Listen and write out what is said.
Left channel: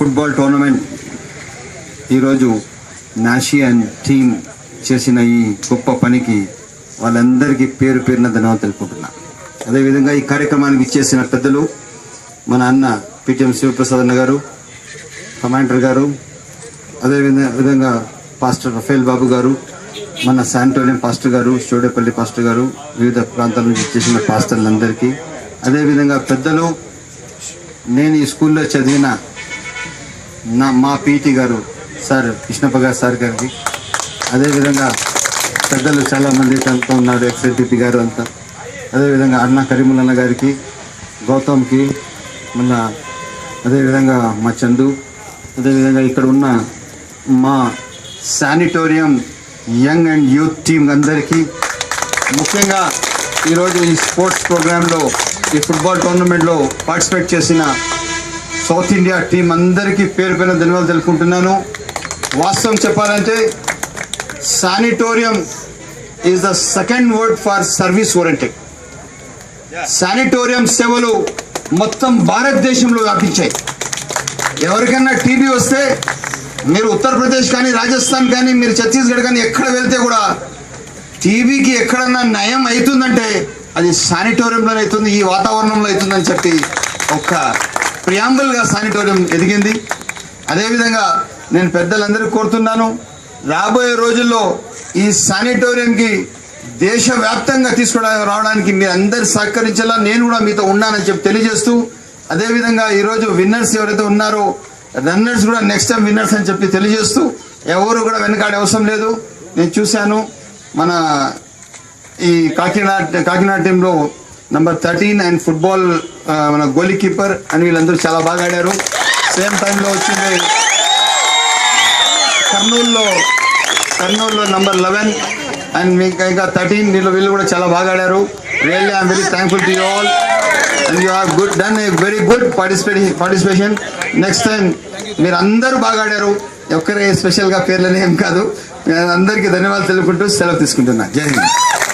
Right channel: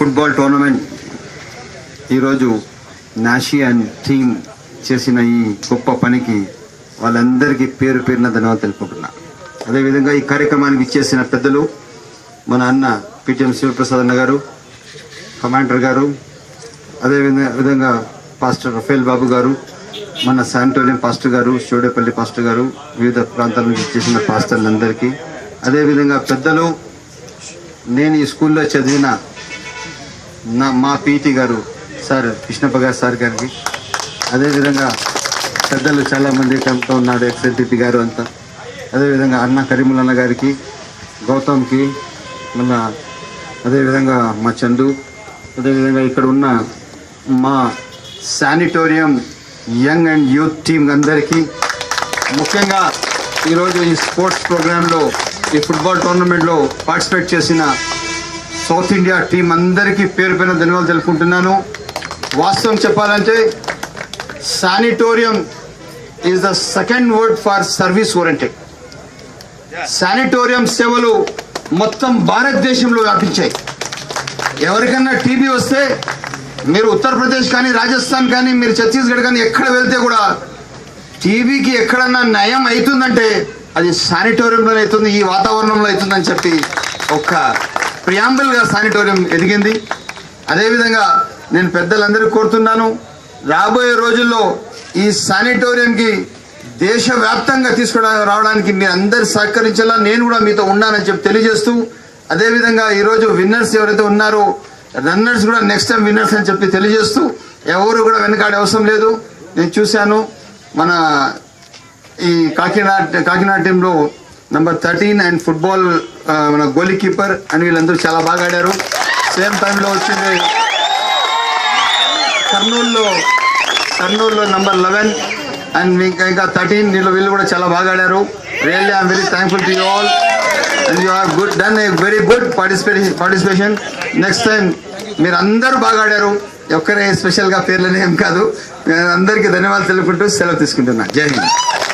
Football tournament ఈరోజు నాషియన్ team చేసిన ఈ గొప్ప పనికి వాళ్ళందరికీ పేరు పేరున ధన్యవాదాలు తెలుపుకుంటున్నా. అదేవిధంగా ఈ కార్యక్రమానికి ఇచ్చేసిన పెద్దలు మన అన్న పిటిఎం శివప్రసాద్ అన్న గారు, కమాండర్ గారు, అదేవిధంగా పాస్టర్ రఫేల్ బాబు గారు, మన శానిటోరియం పాస్టర్ గారు, షోడేపల్లి పాస్టర్ గారు, వివిధ ప్రాంతాల నుంచి ఇచ్చేసిన పాస్టర్లందరికీ, అదేవిధంగా పెద్దలు, నేను ఈ స్కూల్లో చదివిన మా పీటీ గారు సార్ కృష్ణప్ప సార్ గారికి, అదేవిధంగా పెద్దలు చాలామంది తనతో ఉన్నాడు, ఎక్స్ఎల్టీపీ గారు అంతా, అదేవిధంగా అన్న కరీముల్ గారికి, గౌతమ్కి, మన అదేవిధంగా మా చందు, అదేవిధంగా ఇక్కడ ఉన్న మా sanatorium young and youth team అందరికీ, ముఖ్యంగా ఈరోజు ఈ స్పోర్ట్స్ ప్రోగ్రాంలో ఈ ఫుట్బాల్ టోర్నమెంట్లో పార్టిసిపేట్ చేసిన సౌత్ ఇండియా టీం అందరికీ పేరు పేరున ధన్యవాదాలు తెలుపుకుంటున్నాను. వాస్తవం చెప్పాలంటే sanatorium is the second word for service oriented. Sanatorium సేవలు మొత్తం భారతదేశంలో వ్యాపించాయి. ఎవరికైనా టీబీ వస్తే మీరు ఉత్తరప్రదేశ్ కానీ, రాజస్థాన్ కానీ, మీరు ఛత్తీస్గఢ్ కానీ ఎక్కడ వెళ్తే కూడా టీబీకి ఎక్కడన్నా నయం అవుతుందంటే అది శానిటోరియంలో అవుతుంది, ఈ వాతావరణంలో అవుతుందని చెప్పి ఒక ప్రియాంబుల్గా శానిటోరియం ఎదిగింది. అదేవిధంగా నేను పెద్దలందరికీ కోరుతున్నాను, రాబోయే రోజుల్లో ఈ శానిటోరియంకి దేశవ్యాప్తంగా రావడానికి మీరు అందరు సహకరించాలా, నేను కూడా మీతో ఉన్నానని చెప్పి తెలియజేస్తూ, అదేవిధంగా ఈరోజు విన్నర్స్ ఎవరైతే ఉన్నారో రన్నర్స్ కూడా నెక్స్ట్ టైం విన్నర్స్ అని చెప్పి తెలియజేస్తూ, ఎవరు కూడా వెనకాడే అవసరం లేదు. నేను చూశాను మన ఈ కాకినాడ టీంలో నంబర్ 13 అండ్ ఫుట్బాల్ మన గోలీ కీపర్ అని వీళ్ళందరూ చాలా బాగా ఆడారు. సేమ్ టైంలో వచ్చింది కర్నూలులో నంబర్ 11 అండ్ ఇంకా 13 వీళ్ళు కూడా చాలా బాగా ఆడారు. Really I'm very thankful to you all and you have done a very good participation. Next time మీరు అందరూ బాగా ఆడారు. ఒక్కరే స్పెషల్గా పేర్లనే ఏం కాదు. అందరికీ ధన్యవాదాలు తెలుపుకుంటూ సెలవు తీసుకుంటున్నా. జై హింద్.